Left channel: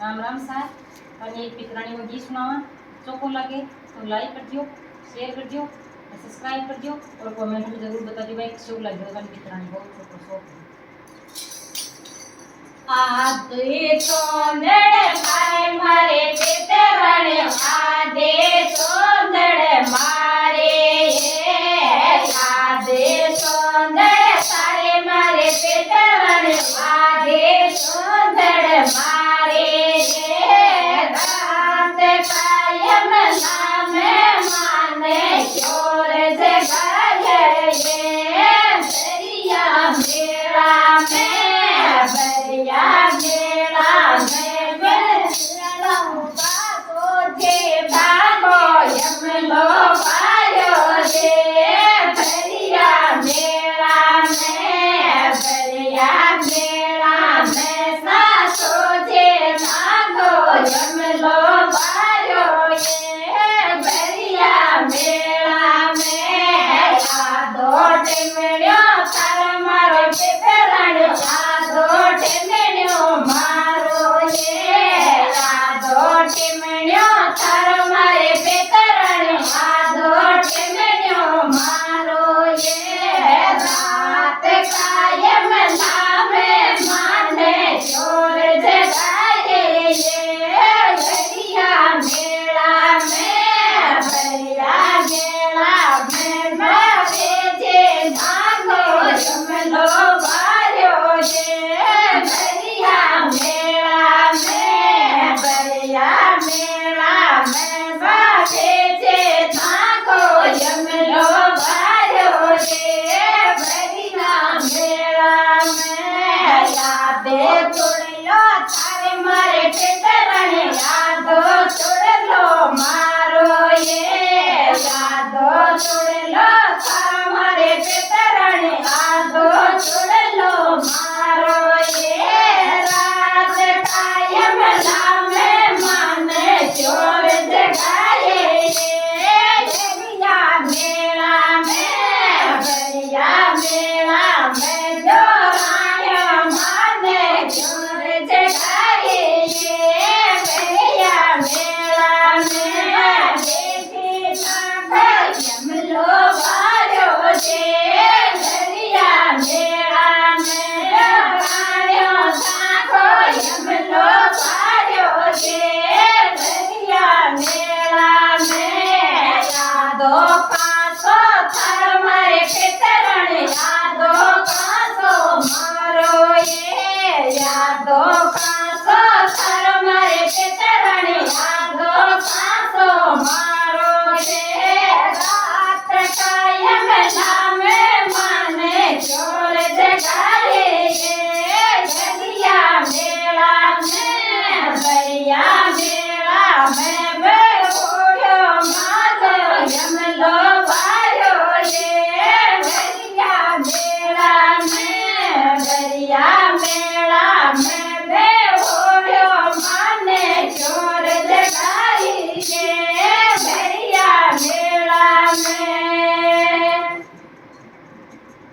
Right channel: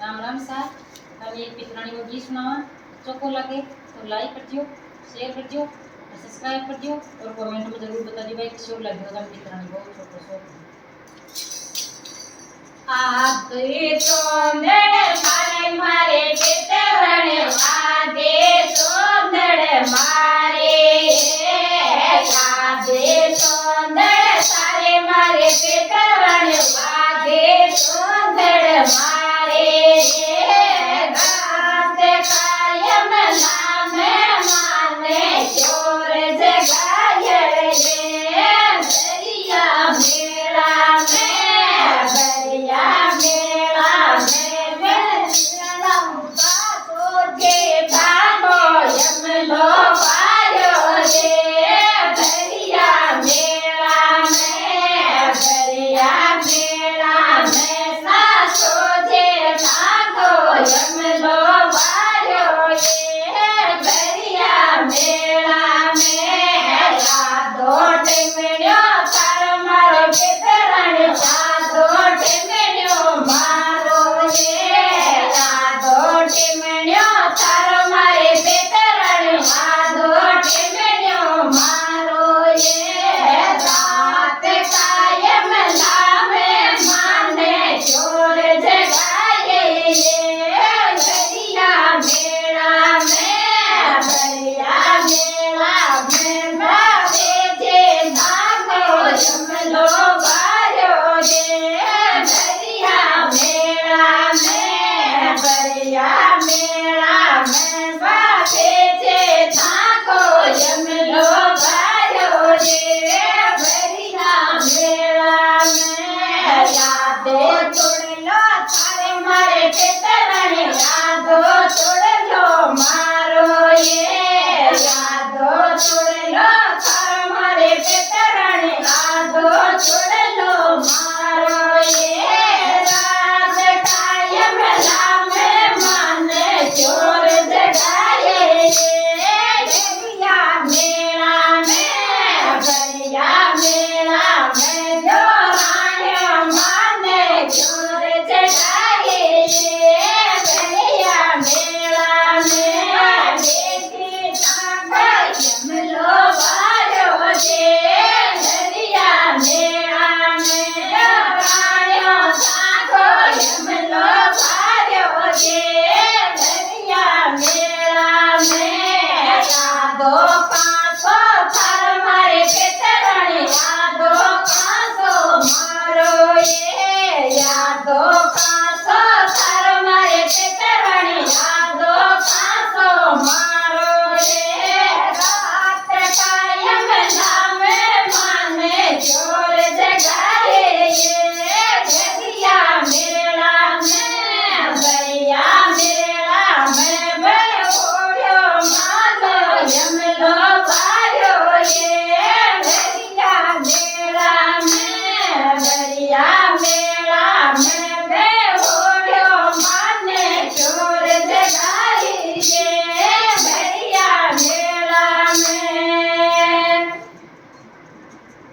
राम राम सार अरे एक पितराणी में गीत सुनावा चोको लगे तो लाइक कर दियो, शेयर कर दियो और सब्सक्राइब कर दियो और कमेंट में जरूर बता दियो भाई क्यों लगे होगा पितराणी बहुत छोटो सो आदे सोंदड़ मारे मारे पितराणी आदे सोंदड़ मारे आदे सोंदड़ सारे मारे पितराणी आदे सोंदड़ मारे रात कायम नाम माने चोर जगाए दरिया मेला में दरिया मेला में मेला बाबो के भागो यमलो पायो रे दरिया मेला में सासो जे नागो